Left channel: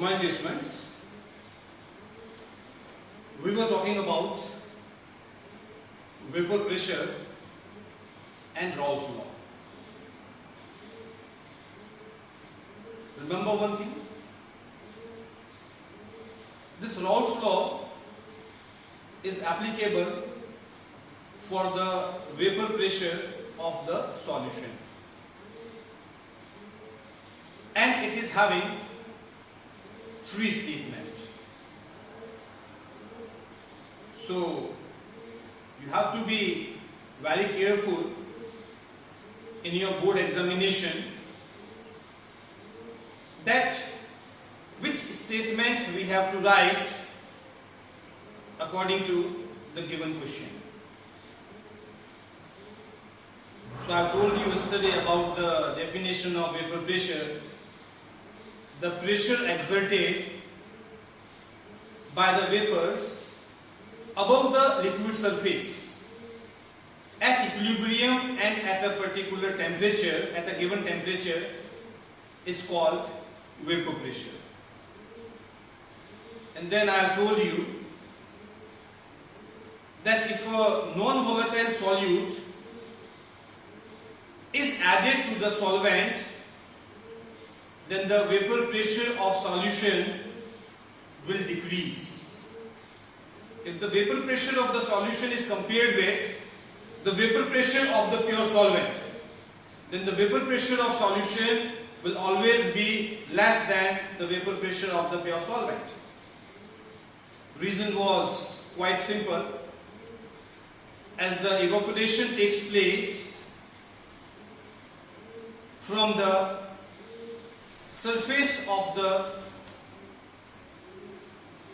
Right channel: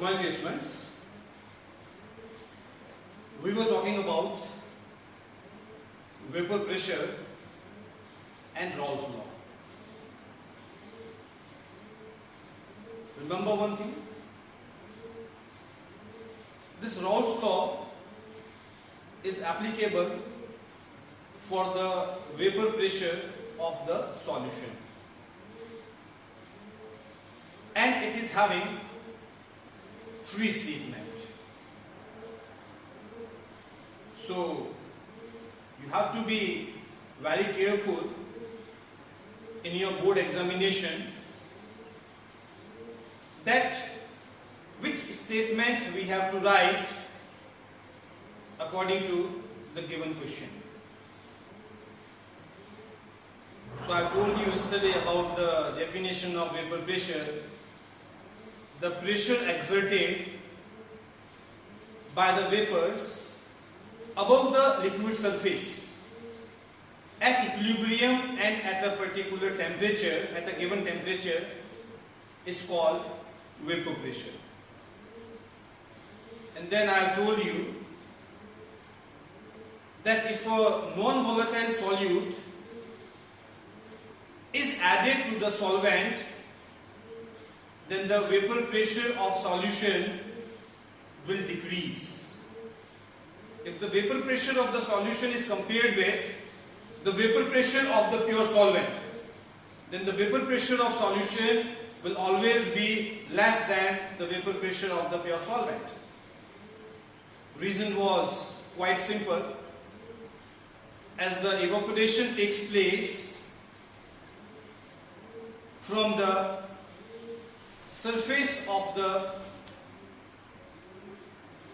morning, dear students. We were talking about vapor pressure and Raoult's law. Remember one thing? This Raoult's law is applicable for the vapor pressure of the solution, and it is having three statements. So you have to be very careful in your board examination that which statement we have to write according to the given question. So I told you yesterday about the definition of vapor pressure. The pressure exerted by the vapors above the liquid surface at equilibrium and at a particular temperature, at a given temperature, is called vapor pressure. And then I have told you that if a non-volatile solute is added to the solvent, then the vapor pressure of solution will decrease. If the vapor pressure of the solution is compared with the vapor pressure of the pure solvent, then the vapor pressure of solution will always be less than the vapor pressure of the pure solvent. Reason was quite simple. As the evaporation takes place from the surface of the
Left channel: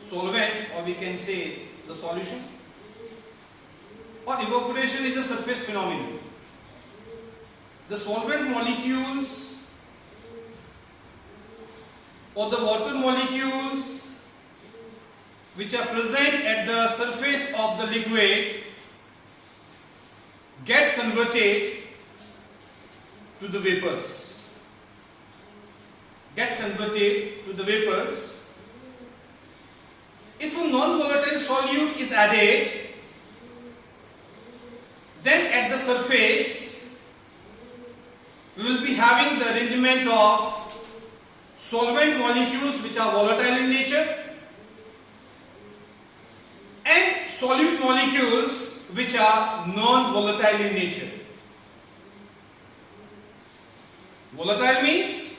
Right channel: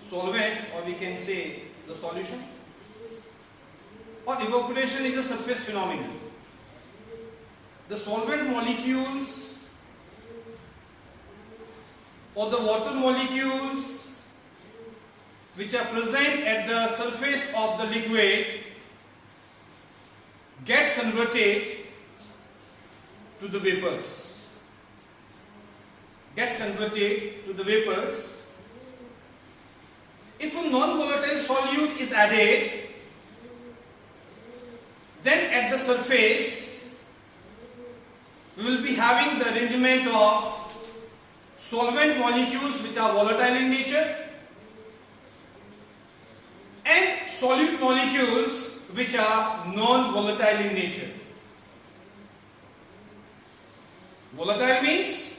solvent, or we can say the solution, or evaporation is a surface phenomenon. The solvent molecules or the water molecules which are present at the surface of the liquid gets converted to the vapors. Gets converted to the vapors. If a non-volatile solute is added, then at the surface we will be having the arrangement of solvent molecules which are volatile in nature and solute molecules which are non-volatile in nature. Volatile means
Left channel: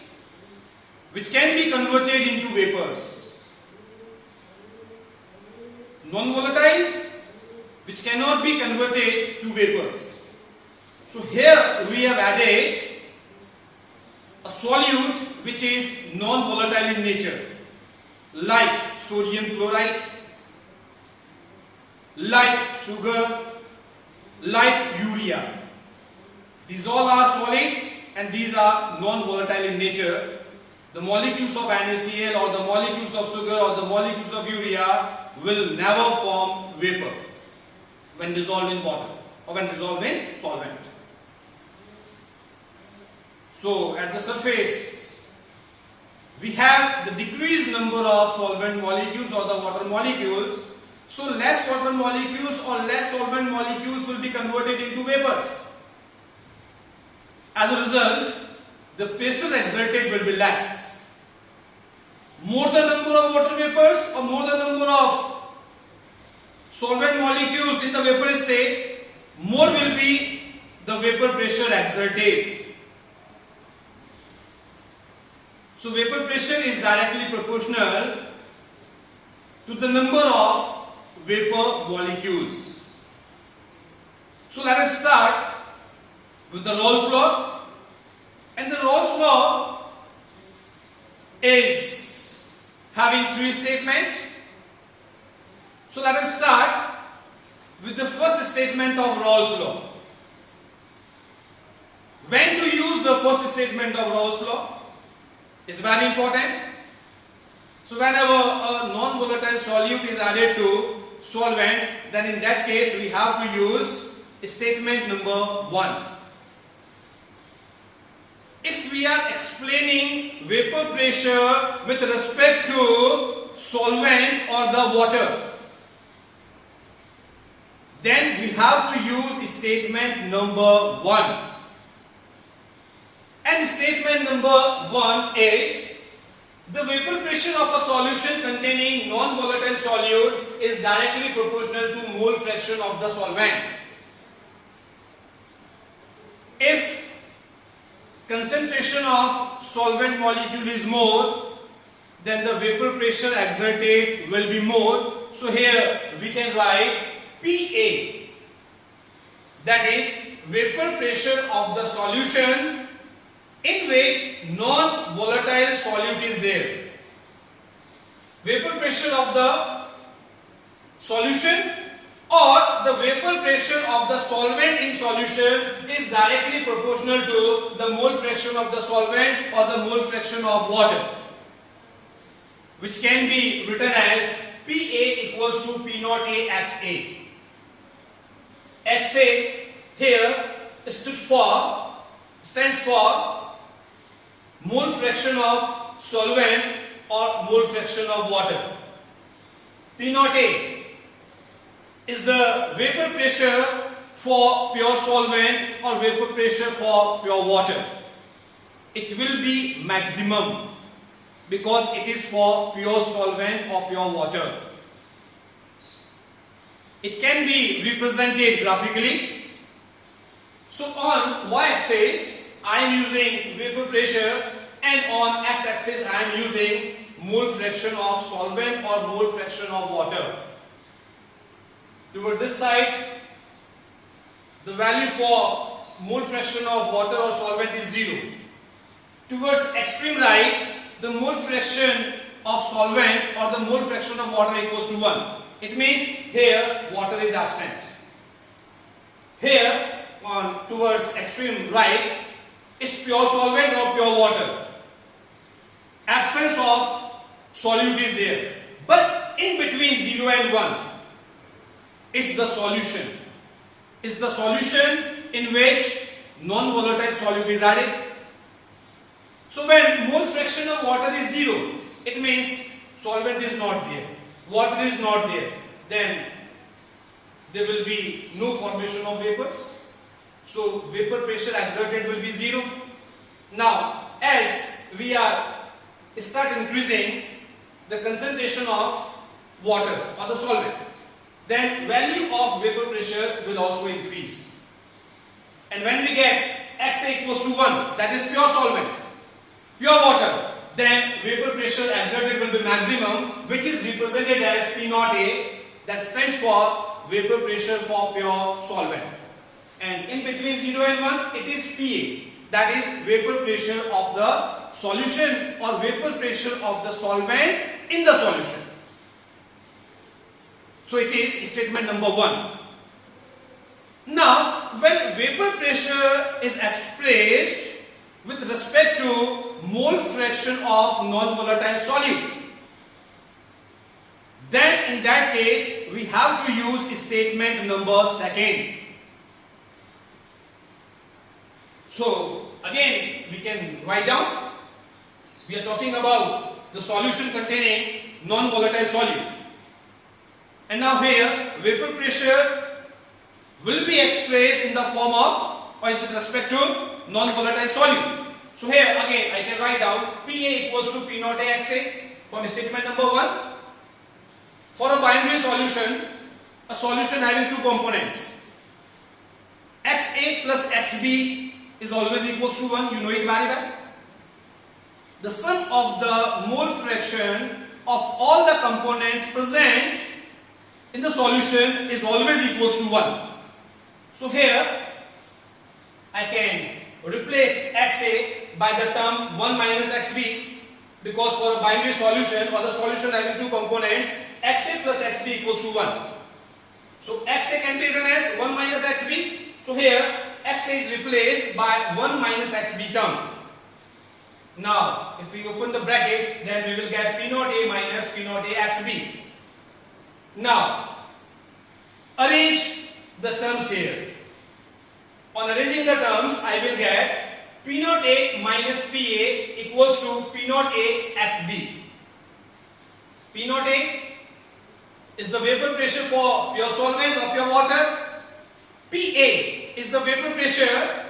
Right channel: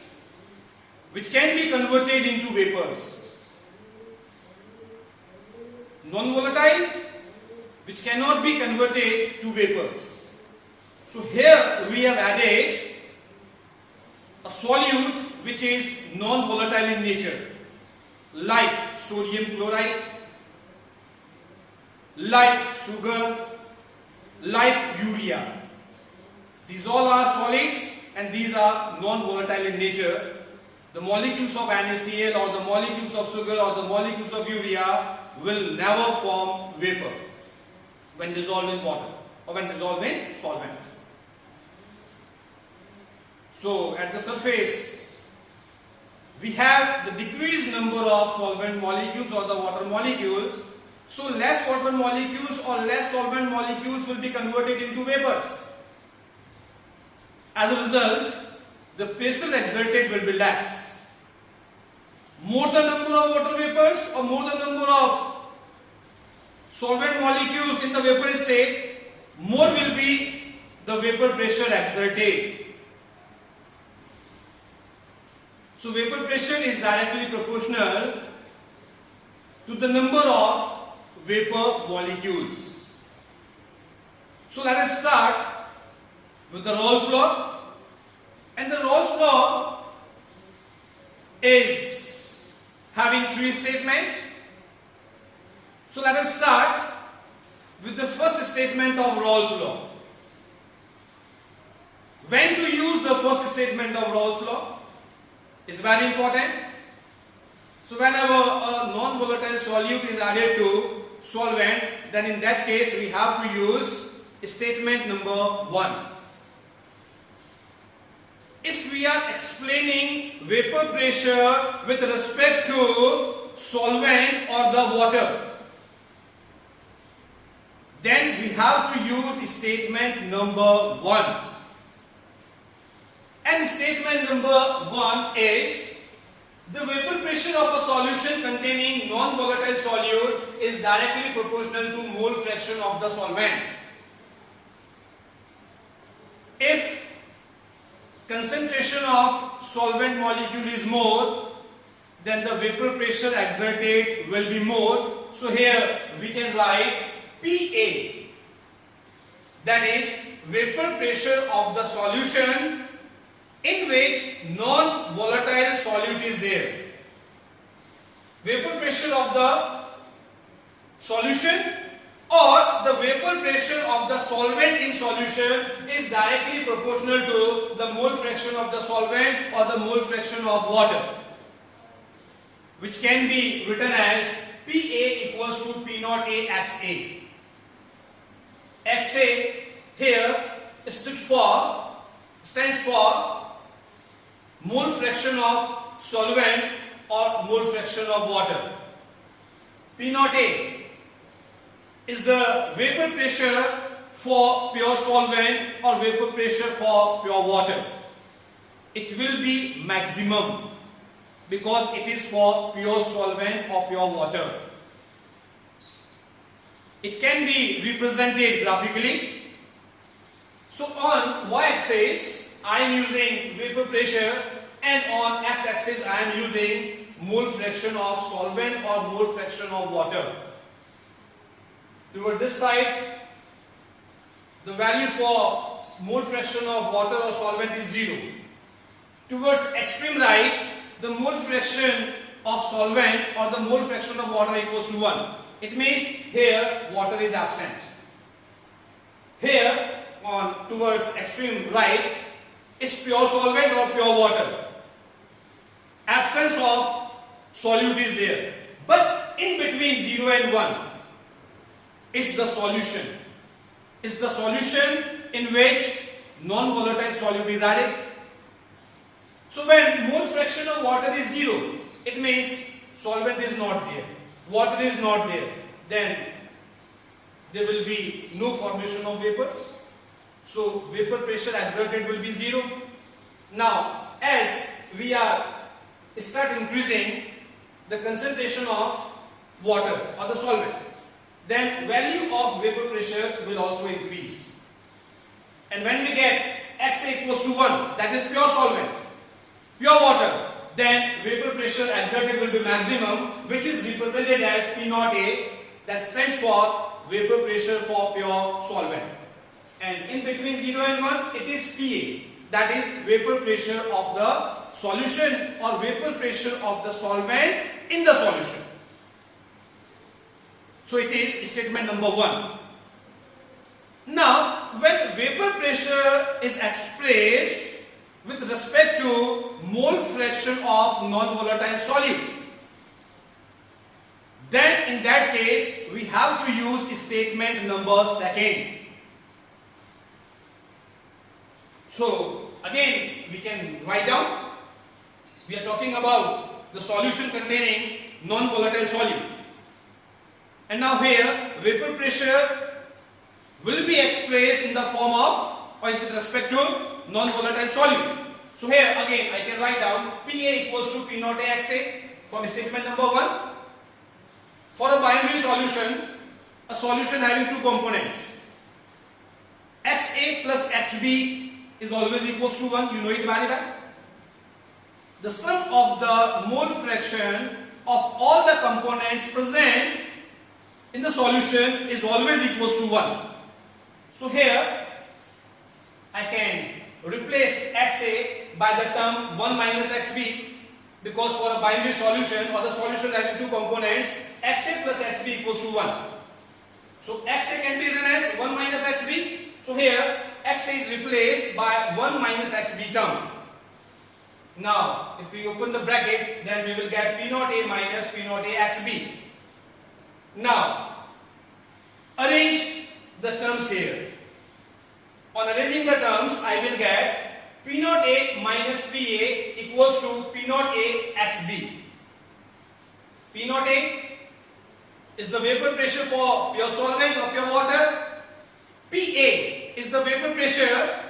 which can be converted into vapors. Non-volatile, which cannot be converted to vapors. So here we have added a solute which is non-volatile in nature, like sodium chloride, like sugar, like urea. These all are solids and these are non-volatile in nature. The molecules of NaCl or the molecules of sugar or the molecules of urea will never form vapor when dissolved in water or when dissolved in solvent. So at the surface we have the decreased number of solvent molecules or the water molecules. So less water molecules or less solvent molecules will be converted into vapors. As a result, the pressure exerted will be less. More the number of water vapors or more the number of solvent molecules in the vaporous state, more will be the vapor pressure exerted. So vapor pressure is directly proportional to the number of vapor molecules. So let us start with the Raoult's law. And the Raoult's law is having three statements. So let us start with the first statement of Raoult's law. When to use the first statement of Raoult's law is very important. So whenever a non-volatile solute is added to solvent, then in that case we have to use statement number 1. If if we are explaining vapor pressure with respect to solvent or the water, then we have to use statement number 1. And statement number 1 is the vapor pressure of a solution containing non-volatile solute is directly proportional to mole fraction of the solvent. If concentration of solvent molecule is more, then the vapor pressure exerted will be more. So here we can write PA, that is vapor pressure of the solution in which non-volatile solute is there. Vapor pressure of the solution or the vapor pressure of the solvent in solution is directly proportional to the mole fraction of the solvent or the mole fraction of water, which can be written as PA equals to P naught A XA. XA here stands for mole fraction of solvent or mole fraction of water. P naught A is the vapor pressure for pure solvent or vapor pressure for pure water. It will be maximum because it is for pure solvent or pure water. It can be represented graphically. So on y-axis I am using vapor pressure and on x-axis I am using mole fraction of solvent or mole fraction of water. Towards this side, the value for mole fraction of water or solvent is 0. Towards extreme right, the mole fraction of solvent or the mole fraction of water equals to 1. It means here water is absent. Here on towards extreme right is pure solvent or pure water. Absence of solute is there. But in between 0 and 1 is the solution. Is the solution in which non-volatile solute is added. So when mole fraction of water is 0, it means solvent is not there, water is not there, then there will be no formation of vapors. So vapor pressure exerted will be 0. Now as we start increasing the concentration of water or the solvent, then value of vapor pressure will also increase. And when we get XA equals to 1, that is pure solvent, pure water, then vapor pressure exerted will be maximum, which is represented as P naught A, that stands for vapor pressure for pure solvent. And in between 0 and 1, it is PA, that is vapor pressure of the solution or vapor pressure of the solvent in the solution. So it is statement number 1. Now, when vapor pressure is expressed with respect to mole fraction of non-volatile solute, then in that case we have to use statement number 2. So again we can write down. We are talking about the solution containing non-volatile solute. And now here vapor pressure will be expressed in the form of or with respect to non-volatile solute. So here again I can write down PA equals to P naught A XA from statement number 1. For a binary solution, a solution having two components, XA plus XB is always equals to 1, you know it very well. The sum of the mole fraction of all the components present in the solution is always equals to 1. So here I can replace XA by the term 1 minus XB, because for a binary solution or the solution having two components, XA plus XB equals to 1. So XA can be written as 1 minus XB. So here XA is replaced by 1 minus XB term. Now if we open the bracket, then we will get P naught A minus P naught A XB. Now arrange the terms here. On arranging the terms, I will get P naught A minus PA equals to P naught A XB. P naught A is the vapor pressure for pure solvent or pure water. PA is the vapor pressure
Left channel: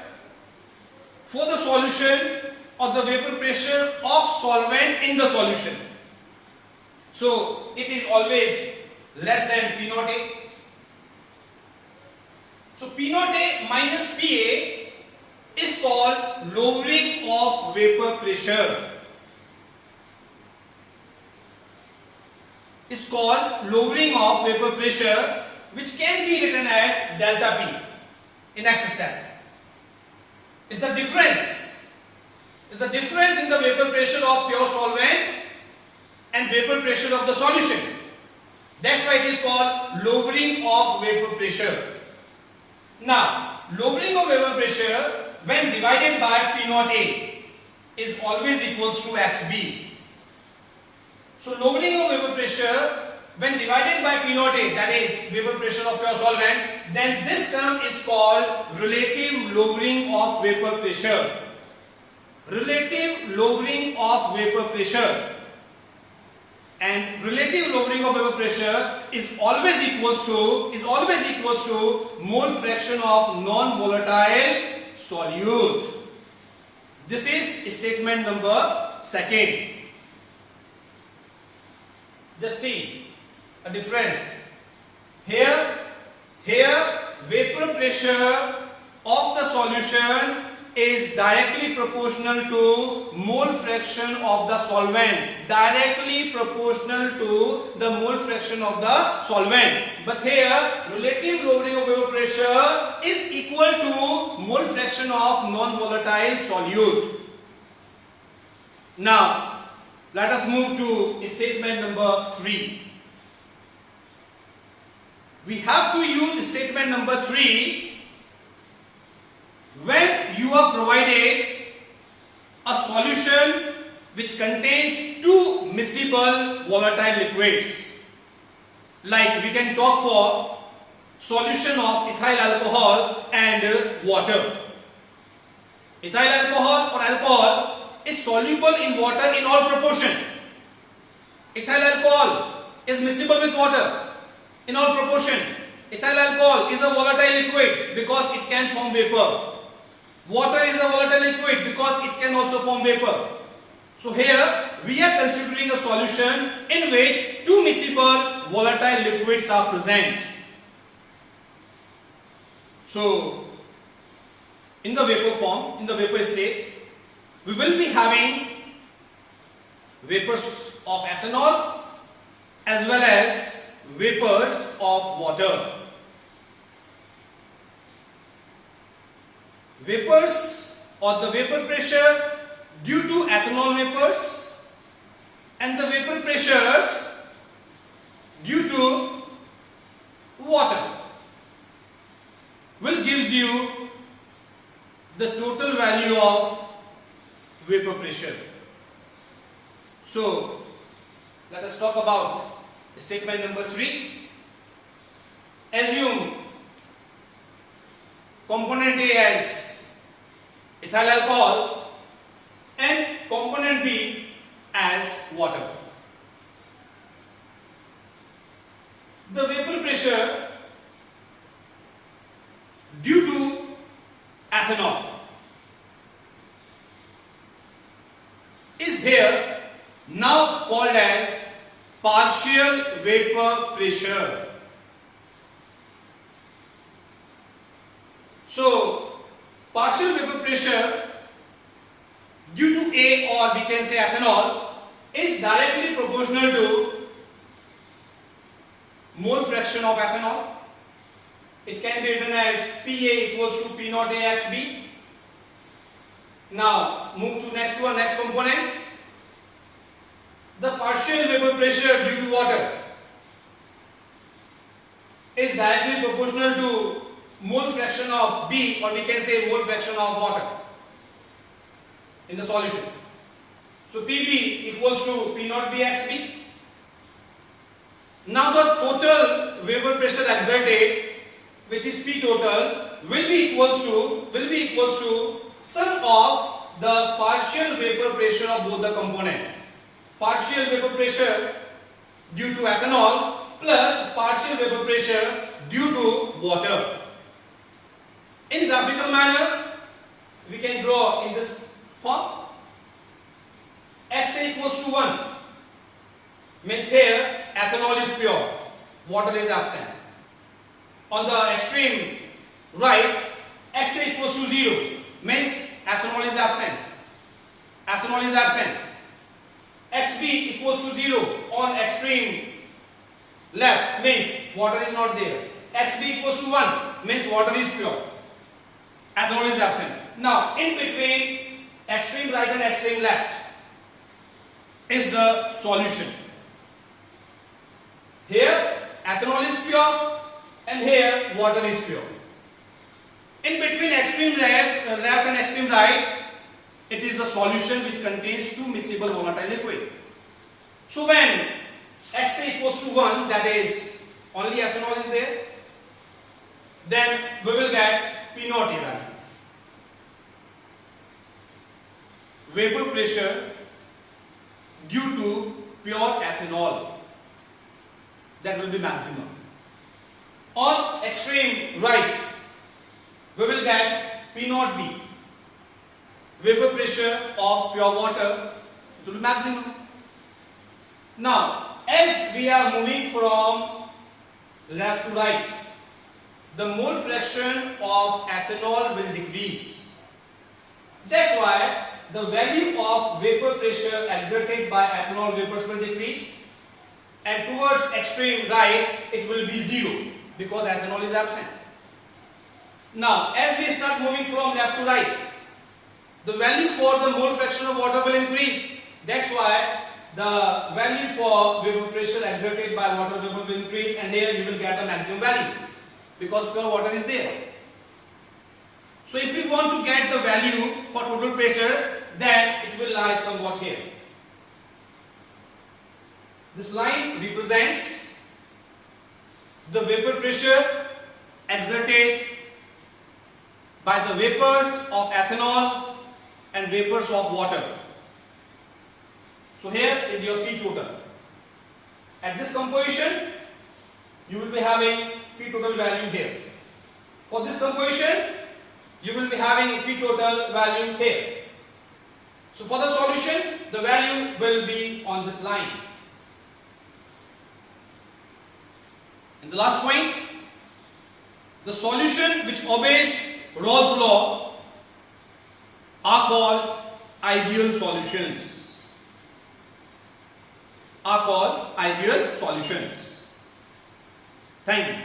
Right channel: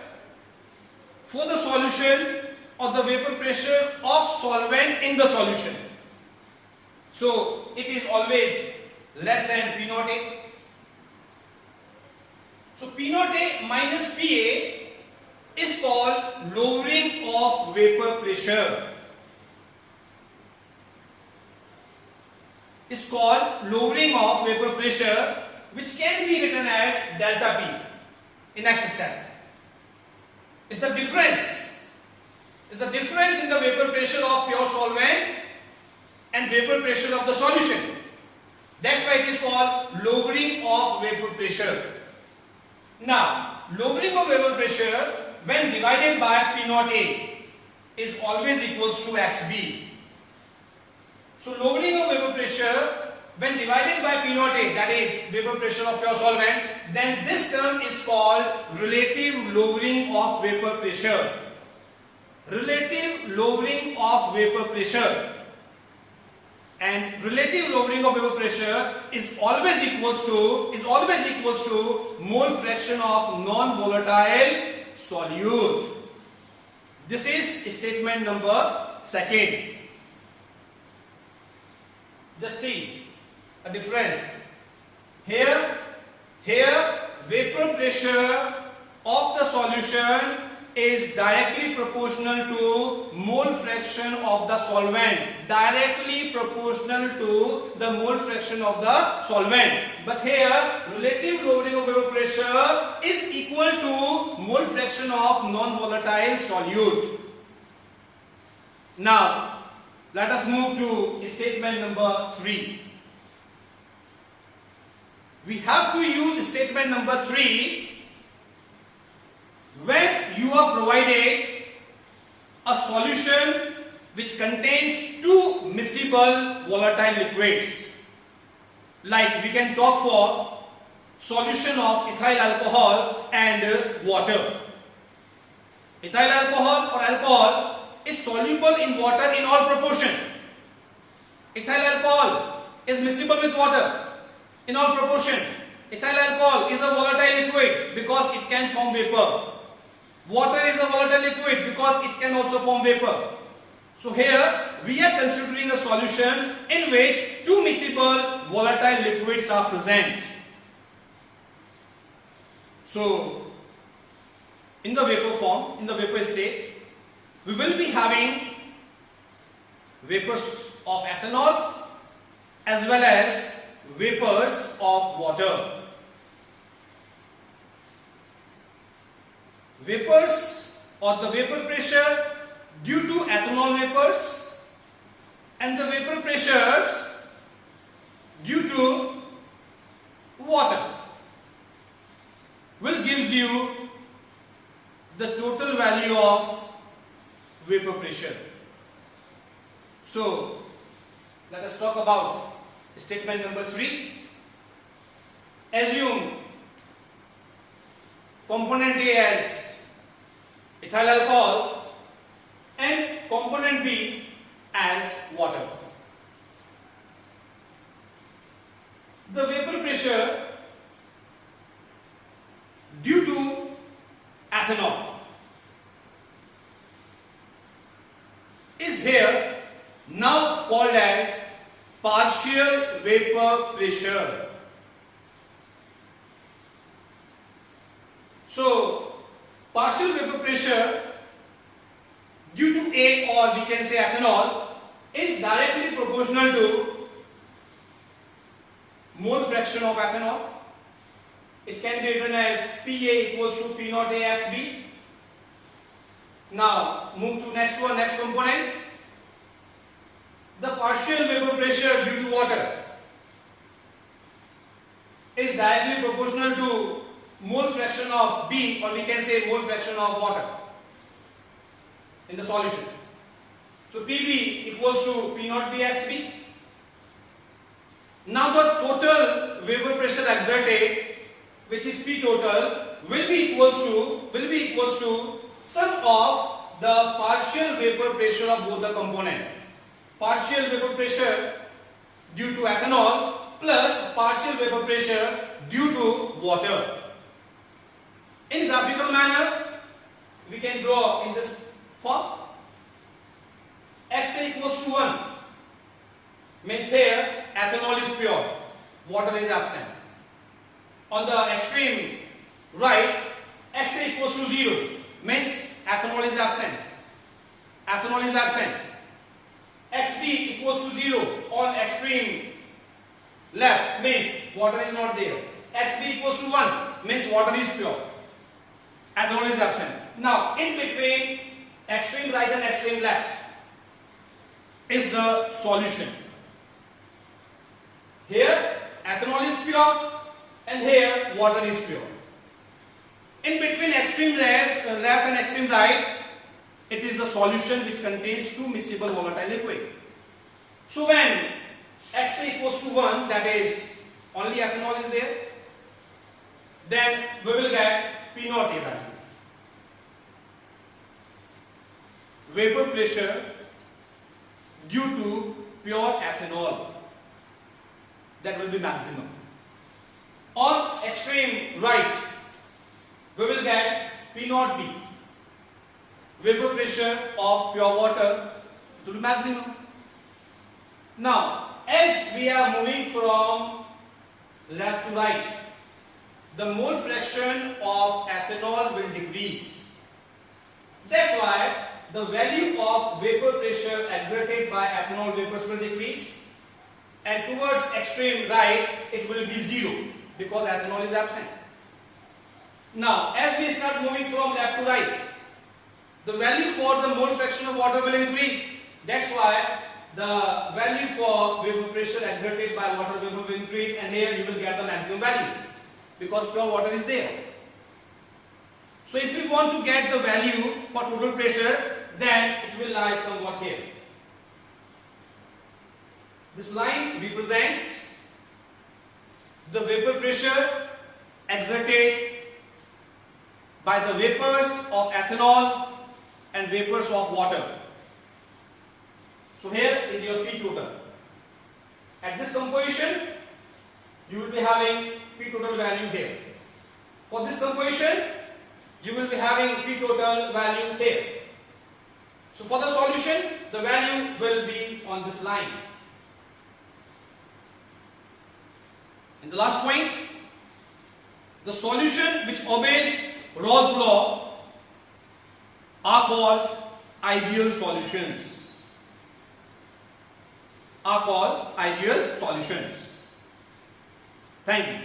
for the solution or the vapor pressure of solvent in the solution. So it is always less than P naught A. So P naught A minus PA is called lowering of vapor pressure. Is called lowering of vapor pressure, which can be written as delta P in excess tank. Is the difference in the vapor pressure of pure solvent and vapor pressure of the solution. That's why it is called lowering of vapor pressure. Now, lowering of vapor pressure when divided by P naught A is always equals to XB. So, lowering of vapor pressure when divided by P naught A, that is vapor pressure of pure solvent, then this term is called relative lowering of vapor pressure. Relative lowering of vapor pressure. And relative lowering of vapor pressure is always equals to mole fraction of non-volatile solute. This is statement number 2. Just see a difference. Here vapor pressure of the solution is directly proportional to mole fraction of the solvent. Directly proportional to the mole fraction of the solvent. But here relative lowering of vapor pressure is equal to mole fraction of non-volatile solute. Now let us move to statement number 3. We have to use statement number 3 when you are provided a solution which contains two miscible volatile liquids. Like we can talk for solution of ethyl alcohol and water. Ethyl alcohol or alcohol is soluble in water in all proportion. Ethyl alcohol is miscible with water in all proportion. Ethyl alcohol is a volatile liquid because it can form vapor. Water is a volatile liquid because it can also form vapor. So here we are considering a solution in which two miscible volatile liquids are present. So in the vapor form, in the vapor state, we will be having vapors of ethanol as well as vapors of water. Vapors or the vapor pressure due to ethanol vapors and the vapor pressures due to water will gives you the total value of vapor pressure. So let us talk about statement number 3. Assume component A as ethyl alcohol and component B as water. The vapor pressure due to ethanol is here now called as partial vapor pressure. So partial vapor pressure due to A, or we can say ethanol, is directly proportional to mole fraction of ethanol. It can be written as PA equals to P naught A XB. Now move to next component. The partial vapor pressure due to water is directly proportional to mole fraction of B, or we can say mole fraction of water in the solution. So PB equals to P naught B XB. Now the total vapor pressure exerted, which is P total, will be equals to sum of the partial vapor pressure of both the component. Partial vapor pressure due to ethanol plus partial vapor pressure due to water. In graphical manner, we can draw in this form. Xa equals to 1 means here ethanol is pure, water is absent. On the extreme right, Xa equals to 0 means ethanol is absent. Ethanol is absent. Xb equals to 0 on extreme left means water is not there. Xb equals to 1 means water is pure. Ethanol is absent. Now, in between extreme right and extreme left is the solution. Here ethanol is pure and here water is pure. In between extreme left and extreme right, it is the solution which contains two miscible volatile liquid. So when Xa equals to 1, that is only ethanol is there, then we will get P naught A value. Vapor pressure due to pure ethanol, that will be maximum. On extreme right, we will get P naught B. Vapor pressure of pure water, it will be maximum. Now, as we are moving from left to right, the mole fraction of ethanol will decrease. That's why the value of vapor pressure exerted by ethanol vapors will decrease, and towards extreme right it will be 0 because ethanol is absent. Now, as we start moving from left to right, the value for the mole fraction of water will increase. That's why the value for vapor pressure exerted by water vapor will increase, and here you will get the maximum value because pure water is there. So if we want to get the value for total pressure, then it will lie somewhat here. This line represents the vapor pressure exerted by the vapors of ethanol and vapors of water. So here is your P total. At this composition, you will be having P total value here. For this composition, you will be having P total value here. So for the solution, the value will be on this line. And the last point, the solution which obeys Raoult's law are called ideal solutions. Thank you.